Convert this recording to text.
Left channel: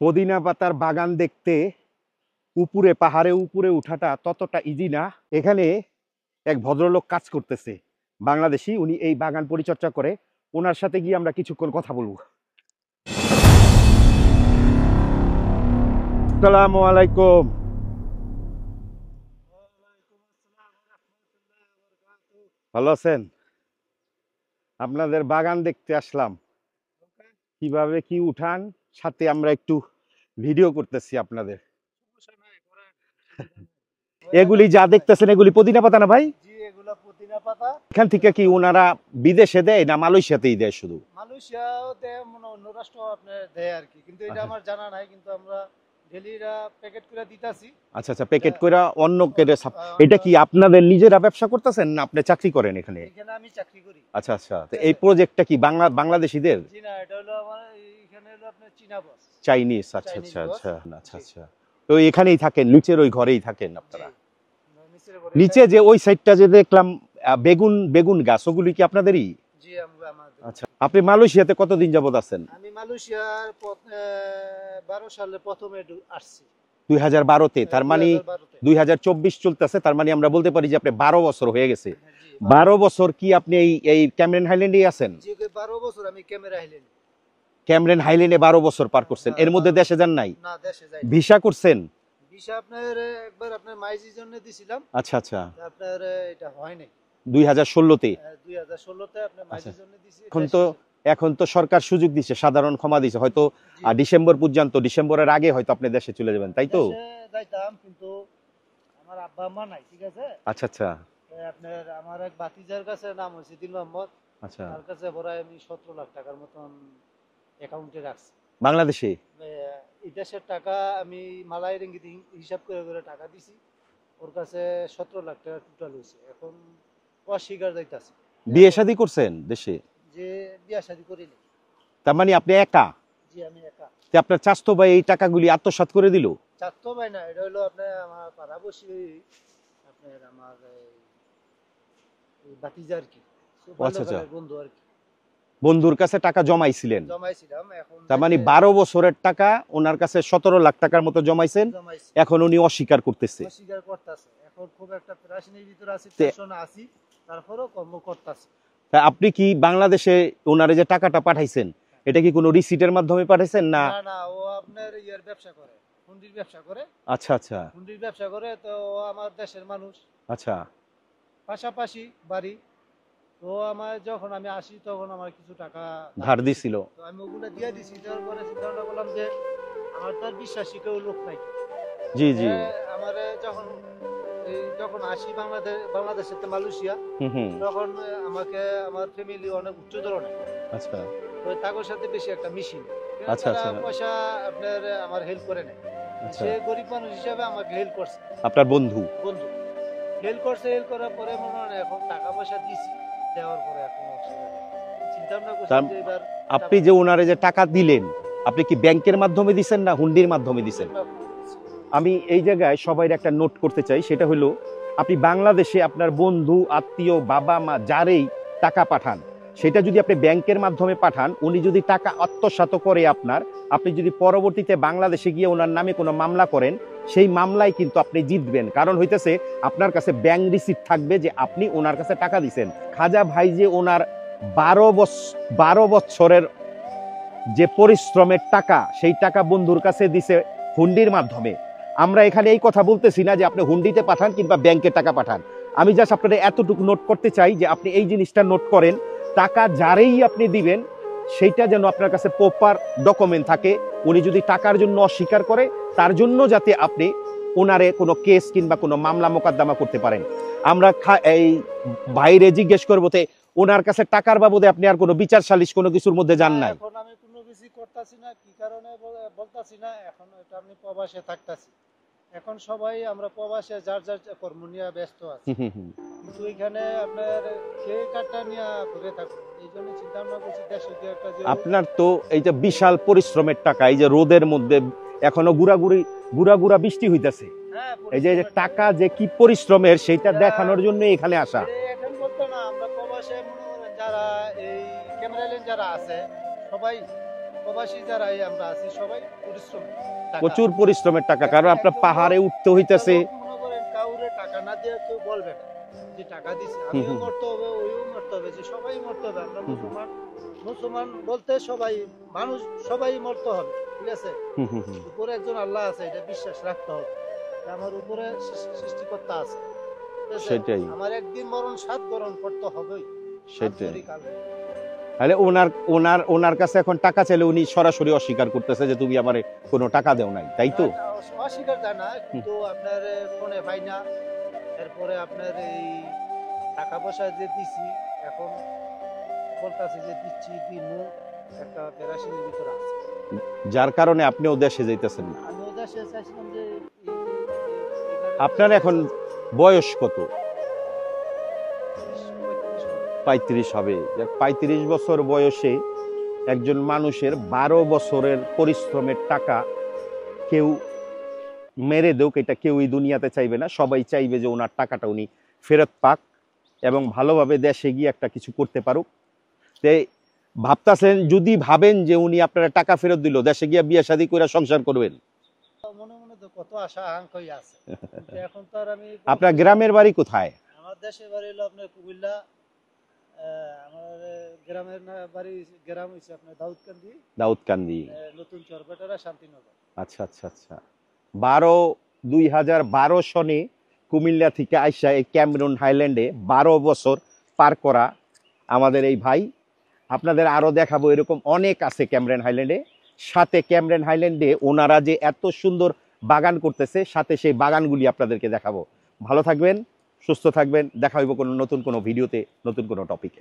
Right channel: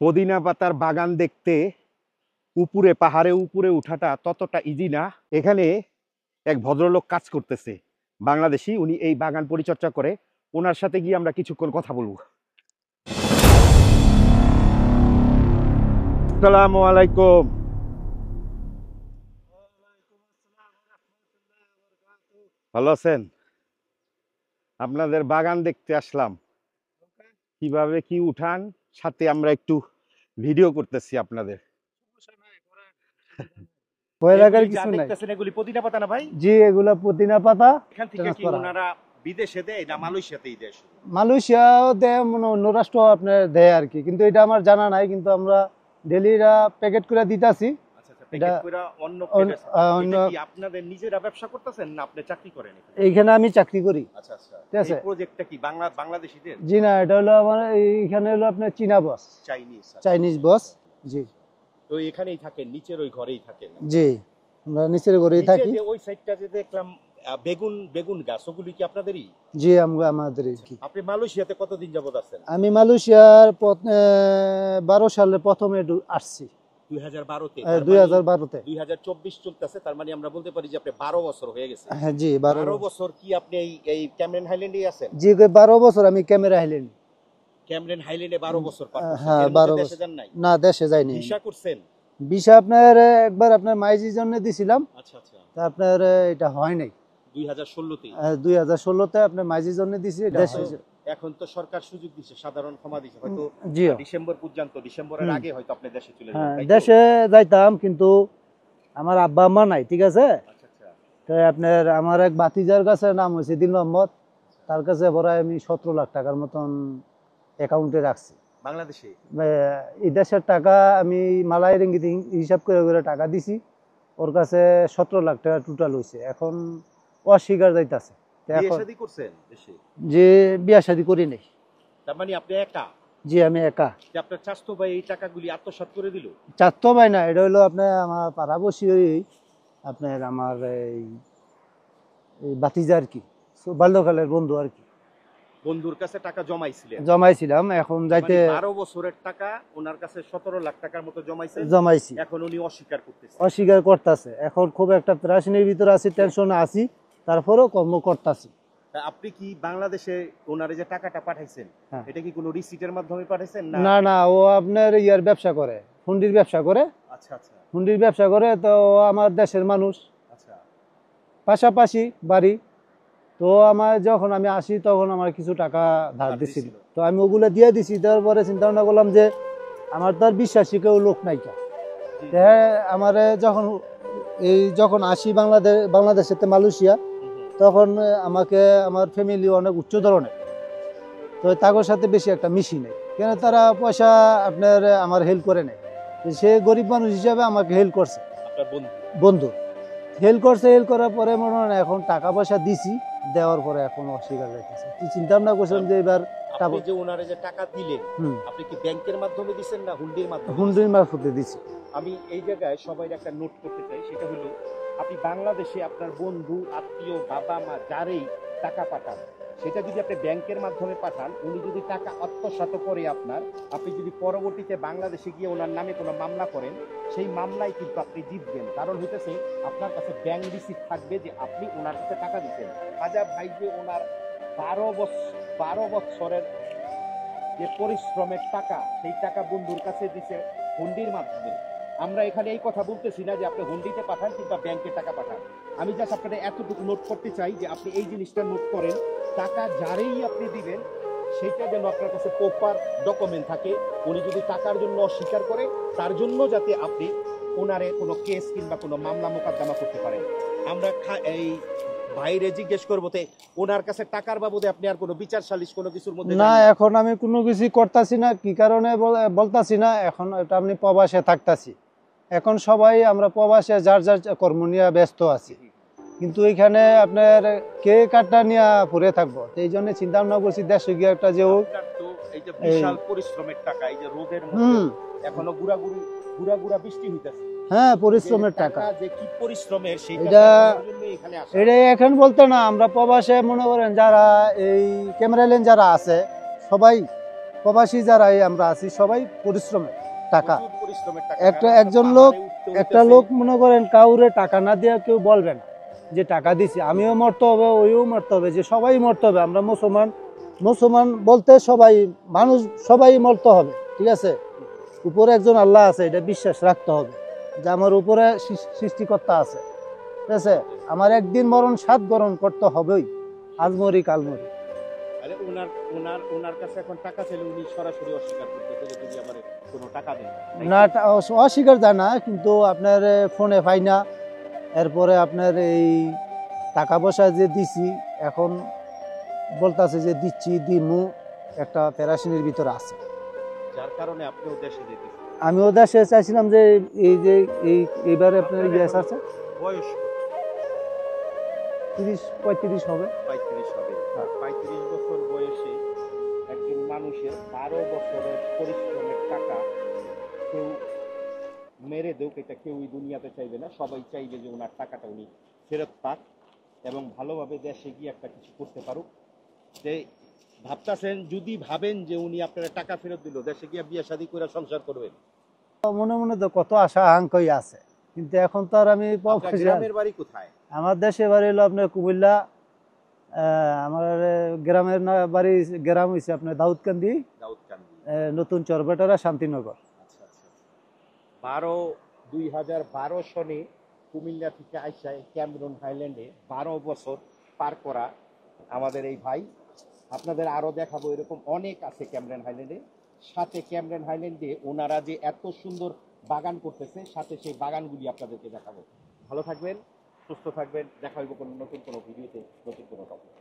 পুদিনা পাতার বাগান দেখতে উপরে পাহাড়ে উপরে উঠাটা ততটা ইজি না। এখানে এক ভদ্রলোক কাজ করতেছে, বাংলাদেশি, উনি এই বাগান পরিচর্যা করে। ওনার সাথে গিয়ে আমরা কিছুক্ষণ কথা বলবো। আসসালামু আলাইকুম। ভালো আছেন? আপনাদের বাগান দেখতে আসলাম, কিভাবে কি উঠান, সাথে আমরা একটু ভিডিও করতেছি আপনাদের। এগুলি যা দেখতেছেন এগুলি পুদিনা পাতা না ভাই? জি, এগুলা পুদিনা পাতা। এখান থেকে কি ওনারা বিদেশে দেয় না মালয়েশিয়াতেই দেয়? শুধু মালয়েশিয়াও দেয়, অন্য রাষ্ট্র আপনার দেয় আর কি, কিন্তু এটা আমার জানা নাই। কিন্তু আমরা ডেলিরা প্যাকেট করে দিতাছি। আচ্ছা আচ্ছা, প্যাকেট করে অন্য কেটে। এটা কি আপনাদের নিজেরা ব্যবসা করতেছেন না আপনি চাকরি করেন এখানে? এইখানে আমি চাকরি করি। আচ্ছা আচ্ছা, এই প্রজেক্টটা কি বাংলাদেশিদের? জি না, এটা হলো আমার এইখানে হলো আপনার চীনা বস, চাইনিজ। চাইনিজ বস। আচ্ছা আচ্ছা, তো এখানেই থাকেন, নিচের ওই ঘরেই থাকেন? জি, আমরা নিচের ঘরে। নিচে যে ওই সাইডটা যে দেখলাম বেগুন গাছ, ওগুলি কি আপনাদেরই? জি, আমাদের। আপনি মালয়েশিয়াতে কতদিন যাবত আছেন? আমি মালয়েশিয়ার 12 সালে প্রথমে আসছি। 2012-তে? তার মানে 2024 চলতেছে, তার মানে আমরা বলতে পারি যে আপনি 12 বছর হয়ে গেছে। হ্যাঁ জি, 12 বছর কি আপনি এই ক্যামেরন হাইল্যান্ডেই আছেন? জি, 12 বছর আমি ক্যামেরন হাইল্যান্ডে 12 বছর পার করছেন। এর মধ্যে দেশে যান নাই? না, দেশে যাইনি। ভিসা করছেন? ভিসা আপনার একবার আপনার মাইজির জন্য দিছিলাম। আচ্ছা আচ্ছা, আপনার এটা হয় নাই 2016-তে। 2016-তে আপনার মাইজির জন্য দিছি। এখন তো সরকার সুযোগ দিছে, সাধারণ ক্ষমা দিছে, হয়তো ডিসেম্বর পর্যন্ত, ডিসেম্বরের আগে হয়তো আপনি দেশে চলে যাবেন, তাই তো? দেশে যাইতাম, কিন্তু আমার আব্বা আম্মা নাই, ঠিক আছে? আচ্ছা আচ্ছা, তাই আপনার আমার এক ভাতিজার কাছে নাম হইছে দিল মোহাম্মদ। আচ্ছা, তার কাছে বড় আমি 17 লাখ টাকার মতন অ্যাকাউন্টে রাখছি বাংলাদেশে। এই দেশের টাকা আমি মালাই রিঙ্গিত হিসাব করে টাকা দিছি, ওর কাছে 17 লাখ টাকা টোটাল হইছে। এখন অস্বীকার যাইতাছে। বিয়ে শাদী করছেন দেশে? যে বিয়ে শাদী করি নাই। তার মানে আপনি একা? জি, আমি একা। আপনার চাচতো ভাই এই টাকাগুলি আত্মসাৎ করে দিল? চাচতো ভাই না, এটা হলো আপনার আমার পাড়াবসী, আপনার আমার এই ভাতিজা আর কি, বাল্যকালের বন্ধু আর কি। বন্ধুর কাছে টাকা জমাইছিলাম। এখন মানে 12 বছরের টাকা ওনার কাছে 17 লাখ টাকার মতো জমাইছি। এখন উনি অস্বীকার করতেছে। এখন খুব একটা প্রাশনের ভিতরে আছি, টেনশনে আছি, তারপরেও কর্ম করতেছি। আপনি কি বাংলাদেশে ওনারে যে টাকাটা পাঠাইছেন, এটা কি কোনো রিসিটের মাধ্যমে পাঠাইছেন? না না, ও আপনার ইয়ার ব্যবসা করে, হুন্ডির ব্যবসা করে। আচ্ছা আচ্ছা, হুন্ডির ব্যবসা করে, তো আমার দেশের মানুষ। আচ্ছা, পাশাপাশি বাড়ি। তো আমার যখন আমি আসি তখন আমার কিছু টাকা ধার দিছিল, তো আমি ওগুলো দিয়ে দিছি। তারপরে চিন্তা ভাবনা করলাম যে আমার তো আর বিশ্বাসী কেউ লোক নাই। জি জি, আমার যখন আসি বাংলাদেশেতে মালয়েশিয়া, তখন আমাকে আমার ফ্যামিলি অনেক উচ্চ ধরনের। আচ্ছা, তো তাদের সাথে বেশি একটা মিশি নেই, কেন তারা পয়সা আপনার আমার হেল্প করে নেই। সে গরিব মানুষ হিসাবে আমাকে হেল্প করছে। আপনার বন্ধু হেল্প করছে। হেল্প করার পরে মনে হয় এখন টাকা পয়সা দিছি, দেওয়ার পরে এখন অস্বীকার করতেছে। কি চিন্তা ভাবনা করছেন যে এবার আপনি যে ওনারে যে টাকা দিলেন, আপনি কি ব্যাংকের মাধ্যমে দিবেন না হুন্ডির মাধ্যমে দিবেন? হুন্ডির মাধ্যমে দিছি। আমি এই জায়গায় সবাইর একটা নোট করতে চাই, সেটা হলো আপনি বাংলাদেশে আপনার বন্ধু, আত্মীয়, বাবা মা যারেই টাকা পাঠান, সেটা যদি আপনি ব্যাংকের মাধ্যমে পাঠান, উনি যদি টাকা আত্মসাৎ করে আপনি যদি পরবর্তীতে বাংলাদেশে গিয়ে ওনার নামে কোনো মামলা করেন, সেই মামলায় কিন্তু আপনি জিতবেন। কারণ হইতেছে আপনার কাছে ব্যাংক রিসিপ্ট থাকবে যে আপনি ওনার কাছে টাকা দিচ্ছেন। খাজা ভাই যে ওনার 12 বছরের যে পরিশ্রমের টাকা, সেই টাকা বন্ধুর কাছে দিছে হুন্ডির মাধ্যমে। আমরা এখানে এই কথা বলতেছি না যে আপনি হুন্ডিতে পাঠান কিংবা ব্যাংকে টাকা পাঠান। আমি জাস্ট আপনাদের এতটুকু নোট করতে চাই যে আপনি এই জিনিসটা নোট করেন, টাকা যারেই আপনি দিবেন সেইটা যেন আপনার কাছে প্রপার ডকুমেন্ট থাকে। উনি যদি টাকার জন্য অস্বীকার করে, তার জন্য যাতে আপনি ওনারে কোনো কেস কিংবা কোনো মামলা মোকদ্দমা করতে পারেন। আমরা এই বাইরে জিজ্ঞেস করবো তে ওনার কাছে টাকার বাবদে আপনি আর কোনো বিচার সালিশ কোনো কিছুর মধ্যে যান না? এখন আমি কোনো কিছু করতেছি না। কি কারণে বলতাছি না, এখন এটা আমি প্রবাসে থাকতাছি। এখন সবাই আমরা প্রবাসে যার যার কর্ম নিয়ে ব্যস্ত আছি, কিন্তু এখানে আপনার কে কাটটা নিয়ে পড়ে থাকবো। এই জন্য চিন্তা ভাবনা করছি দেশে গিয়ে একটা, যে আপনার তো এই যে বিশাল পরিশ্রমের টাকা, এই যে রোদের মধ্যে এখনো গুড়া বৃষ্টি হইতেছে, হ্যাঁ, পরিশ্রমের টাকা যে কি পরিশ্রমের, সেটা দেখানোর জন্য এখানে আসা। এটা এখন বলতে না, আমরা প্রবাসে মনে করেন যারা এই ক্যামেরা লেন যারা আছে, সবাই প্রবাসী যারা আমরা আছি সবাই পরিশ্রমের টাকা, প্রচুর পরিশ্রমের টাকা, কারণ আপনার পাহাড়ে উঠতে হইতেছে। মনে করেন কাউরে টাকা না দিয়ে কেউ বলবে না যে টাকা দিছি, আমিও মরতে হবে, ওইও মরতে হবে, যে সবাই মরতে হবে। আমরা মুসলমান বলতে সবাই মানুষ, সবাই মরতে হবে, ঠিক আছে। উপরে একজন আল্লাহ আছে, এটা বিশ্বাস রাখতে হবে যে আমার উপরে সৃষ্টিকর্তা আছে, ঠিক আছে। আমার একদিন মরণ সাত গ্রহণ করতে হবেই, আজ মরি কাল মরি। তাহলে ওনার কাছে এখন টাকা চাইলে উনি সরাসরি অস্বীকার করতেছে যে তুমি আমারে কোনো টাকা দেও নাই, তাই না? অস্বীকার যায় না, কিন্তু আপনার ফোনে পাই না। এরপরে আপনার এই টাকা পয়সা যে দিছি, এখন বলতেছে যে দিচ্ছি দিমু, একটা প্যারাশিনের ভিতরে আছে, যার কারণে আপনিও দেশে যাইতেছেন। আমিও দেশে চাইছিলাম যে এইবারে। আপনার এখন বয়স কত? 30-35 হবে। 35 হবে। 35 বছর বয়সে একজন মানুষের 12 বছরের পরিশ্রমের টাকা কেউ মেরে দেউক, এটা কেউই দুনিয়াতে চাইবে না। সবাই চাইবে যে ওনার টাকাটা উনি ফেরত পাক এবং ভালোভাবে দেশে গিয়ে একটা কিছু করতে পারুক। তাই ভাবতেছেন, যদি ভাবেন যে উনি আপনার টাকা ফেরত দিল, দেশে গিয়ে বিয়ে শাদী করে সংসার করবেন? মনে মনে তো কত আশা আকাঙ্ক্ষাই আছে, কিন্তু এখন তো আর আমি। আপনার গ্রামের বাড়ি কোথায়? আমার দেশের বাড়ি হলো আপনার কুমিল্লা। আমার গ্রামের বাড়ি, গ্রাম হইছে আপনার দাউদকান্দি, নতুন চরবেটারা, শান্তিনগর। আচ্ছা আচ্ছা আচ্ছা। 2012 সনে কুমিল্লা থেকে আইসা এই ক্যামেরন হাইল্যান্ডে 12 বছর পার করা আমাদের এই ভাই। আপনাদের আরো দেখাবো, এরকম অনেক আছে ক্যামেরন হাইল্যান্ডে। সাথে ক্যামেরন হাইল্যান্ডে ওনারা যে এত সুন্দর বাগান করতেছে, সাথে সেই বাগানগুলি আপনাদেরকে দেখাবো। ভালো থাকবেন, সুস্থ থাকবেন, দেখা হইব নতুন কোনো ভিডিওতে, নতুন কোনো টপিকে।